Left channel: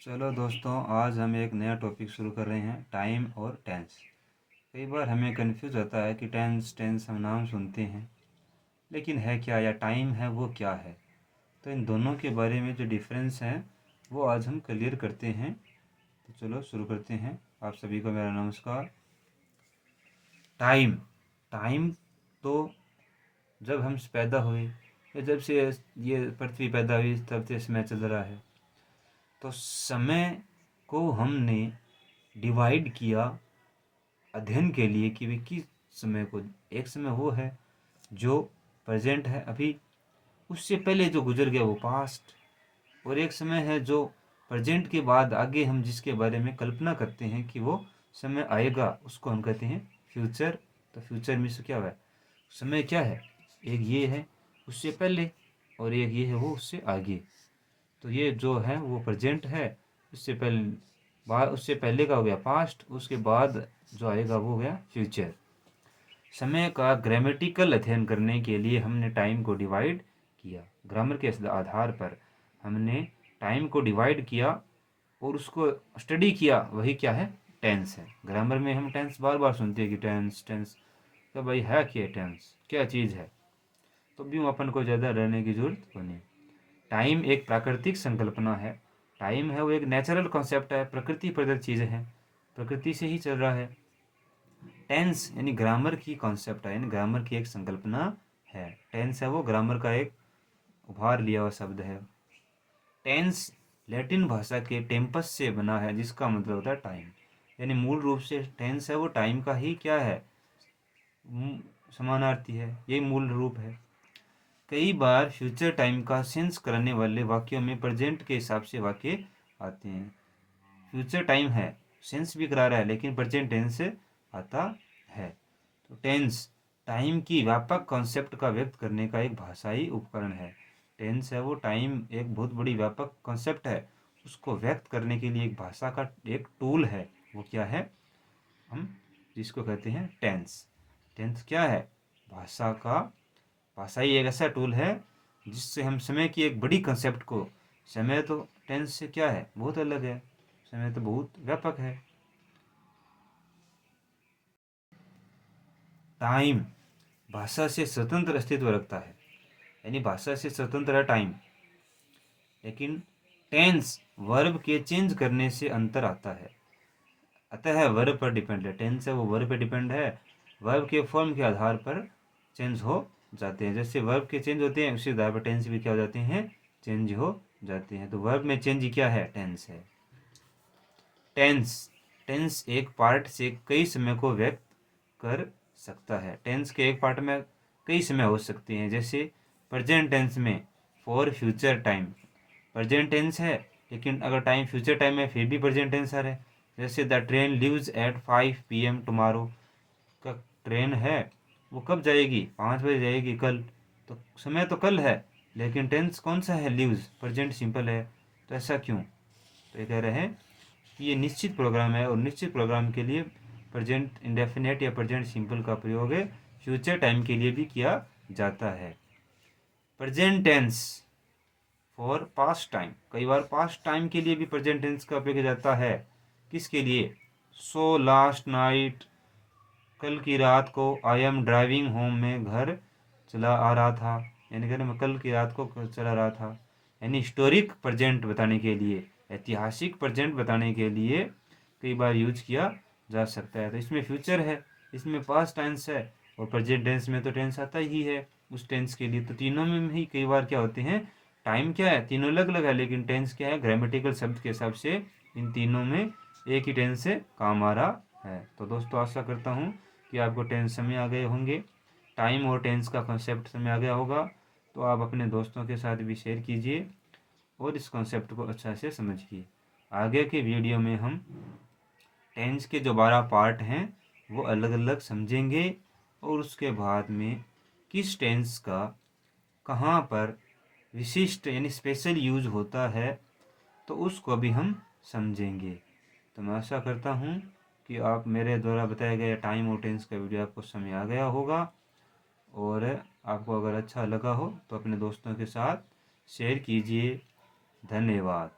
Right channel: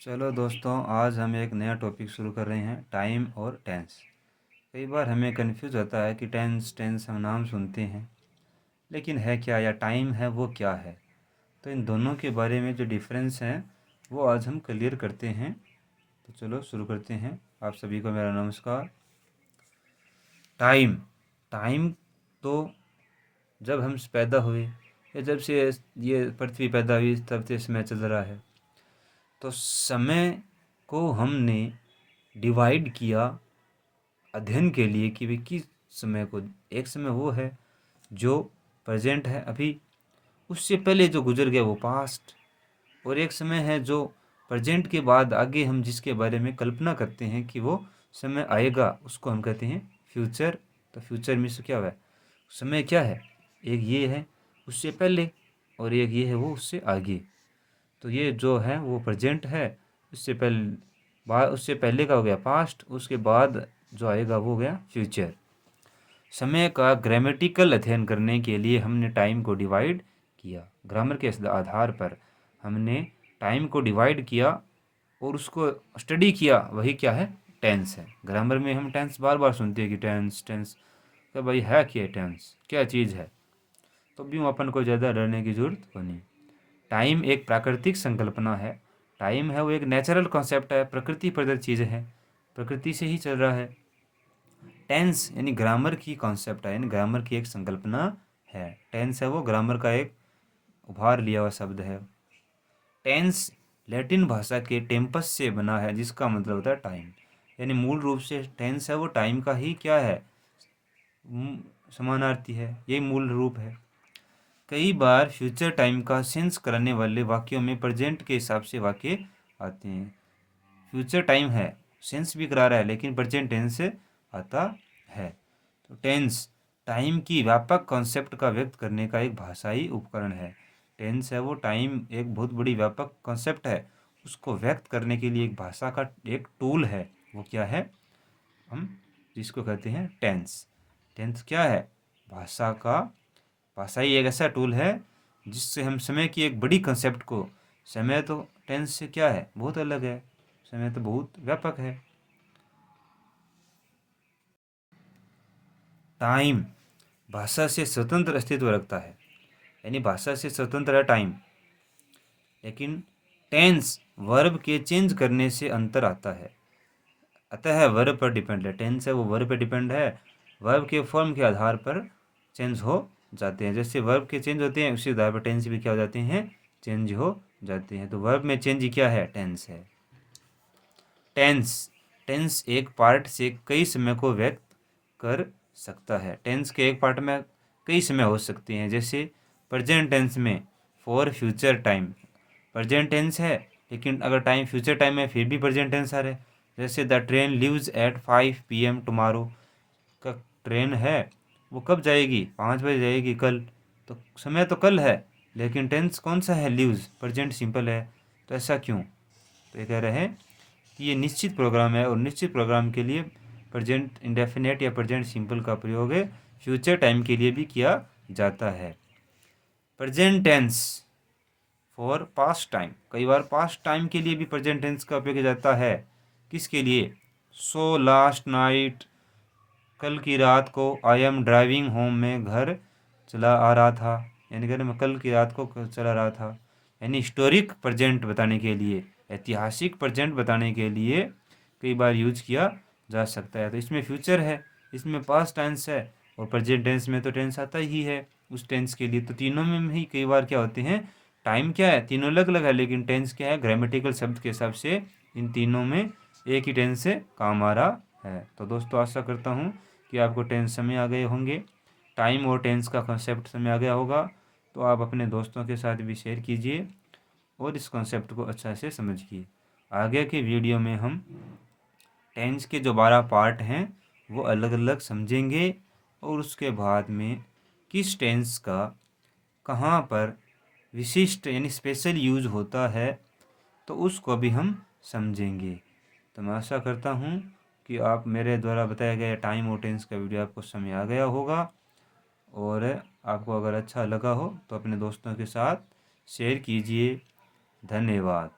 चलो दोस्तों, आज हम एक नया टॉपिक शुरू कर रहे हैं, टाइम और टेंस। कई बार हमें कंफ्यूज होता है कि टेंस टेंस हम नाम सुनते हैं, लेकिन है क्या, या टाइम है वो क्या है। तो इन दोनों के बारे में जो डिफरेंस है वो आज हम क्लियर करते हैं। तो चलो शुरू करते हैं। आप सभी को मेरा नमस्कार। टाइम टाइम तो जब हम पैदा हुए या जब से ये पृथ्वी पैदा हुई तब से समय चल रहा है। तो समय को हमने डिवाइड किया अध्ययन के लिए कि भी किस समय को। एक समय वो है जो प्रेजेंट है अभी, उससे पहले जो गुजर गया वो पास्ट। और एक समय है जो प्रेजेंट के बाद आगे हम जिसके बारे में कल्पना करते हैं कि वो समय आएगा, उसको हम कहते हैं फ्यूचर। तो फ्यूचर में से क्या हुआ है, समय क्या है, एक ये है उससे पहले, और एक ये है वो उससे आगे। तो ये जो है वो प्रेजेंट है, उससे पहले बाद उससे पहले का हो गया पास्ट, उसके बाद जो आएगा वो हो गया फ्यूचर। समय का ग्रामेटिकल अध्ययन करने के लिए हमने टाइम को डिवाइड किया। ग्रामर के आधार पर हमने टाइम को डिवाइड किया और उसको स्टडी किया। वही क्या है, टेंस है। ग्रामर में हम टेंस बार बार सुनते हैं कि टेंस टेंस, तो भाई है क्या टेंस, क्या चीज़ है। तो भी अपन को ज़्यादा डरने की जरूरत नहीं। टाइम एक प्राकृतिक संकल्पना है। टाइम है वो एक नेचुरल कॉन्सेप्ट है, प्रकृति प्रदत्त चीज़ है, प्रकृति से ही चल रहा है। टेंस यानी ग्रामर की कॉन्सेप्ट है, यानी ग्रामर की एक संकल्पना है। टेंस है वो ग्रामर का एक उभार लिया हुआ शब्द है। टेंस लैटिन भाषा के टेम्पस से बना है, जिसका मतलब होता है टाइम। यानी मूल रूप से टेंस है वो टाइम का ही क्या है, समानार्थी है, यही मूल रूप है। कई बार फ्यूचर टाइम का सेंस कराने वाले वाक्यों में प्रेजेंट के हिसाब से वाक्य आते हैं। फ्यूचर टाइम है, सेंस भी करा रहा है, लेकिन प्रेजेंट टेंस से आता है। तो टेंस टाइम की व्यापक कॉन्सेप्ट का व्यक्त करने का एक भाषाई उपकरण है। टेंस है वो टाइम एक बहुत बड़ी व्यापक कॉन्सेप्ट है, उसको व्यक्त करने के लिए एक भाषा का एक टूल है। वो क्या है, हम जिसको कहते हैं टेंस। टेंस क्या है, भाषा का भाषाई एक ऐसा टूल है जिससे हम समय की एक बड़ी कंसेप्ट को, समय तो टेंस से क्या है, बहुत अलग है, समय तो बहुत व्यापक है। टाइम भाषा से स्वतंत्र अस्तित्व रखता है, यानी भाषा से स्वतंत्र है टाइम। लेकिन टेंस वर्ब के चेंज करने से अंतर आता है, अतः वर्ब पर डिपेंड है। टेंस है वो वर्ब पर डिपेंड है, वर्ब के फॉर्म के आधार पर चेंज हो जाते हैं। जैसे वर्ब के चेंज होते हैं, उसी आधार पर टेंस भी क्या हो जाते हैं, चेंज हो जाते हैं। तो वर्ब में चेंज क्या है, टेंस है। टेंस टेंस एक पार्ट से कई समय को व्यक्त कर सकता है। टेंस के एक पार्ट में कई समय हो सकते हैं। जैसे प्रेजेंट टेंस में for future time present tense है, लेकिन अगर टाइम फ्यूचर टाइम है फिर भी प्रेजेंट टेंस है। जैसे the train leaves eight 5 PM tomorrow, का ट्रेन है वो कब जाएगी, 5 बजे जाएगी कल। तो समय तो कल है, लेकिन टेंस कौन सा है, लीव्स, प्रेजेंट सिंपल है। तो ऐसा क्यों, तो ये कह रहे हैं कि ये निश्चित प्रोग्राम है, और निश्चित प्रोग्राम के लिए प्रेजेंट इंडेफिनेट या प्रेजेंट सिंपल का प्रयोग फ्यूचर टाइम के लिए भी किया जाता है। Present tense for past time, कई बार पास्ट टाइम के लिए भी प्रेजेंट टेंस का उपयोग किया जाता है। किसके लिए, सो लास्ट नाइट, कल की रात को, आई एम ड्राइविंग होम, में घर चला आ रहा था, यानी कि मैं कल की रात को चला रहा था। यानी हिस्टोरिक प्रेजेंट बताने के लिए, ऐतिहासिक प्रेजेंट बताने के लिए कई बार यूज किया जा सकता है। तो इसमें फ्यूचर है, इसमें पास्ट टेंस है, और प्रेजेंट टेंस में तो टेंस आता ही है उस टेंस के लिए। तो तीनों में ही कई बार क्या होते हैं, टाइम क्या है, तीनों अलग अलग है, लेकिन टेंस क्या है, ग्रामेटिकल शब्द के हिसाब से इन तीनों में एक ही टेंस से काम आ रहा है। तो दोस्तों आशा करता हूँ कि आपको टेंस समझ आ गए होंगे, टाइम और टेंस का कॉन्सेप्ट समझ आ गया होगा। तो आप अपने दोस्तों के साथ भी शेयर कीजिए और इस कॉन्सेप्ट को अच्छा से समझिए। आगे के वीडियो में हम टेंस के जो 12 पार्ट हैं वो अलग अलग समझेंगे, और उसके बाद में किस टेंस का कहाँ पर विशिष्ट यानी स्पेशल यूज होता है, तो उसको भी हम समझेंगे। तो मैं आशा करता हूँ कि आप मेरे द्वारा बताया गया टाइम और टेंस का वीडियो आपको समझ आ गया होगा, और आपको अगर अच्छा लगा हो तो अपने दोस्तों के साथ शेयर कीजिए। धन्यवाद।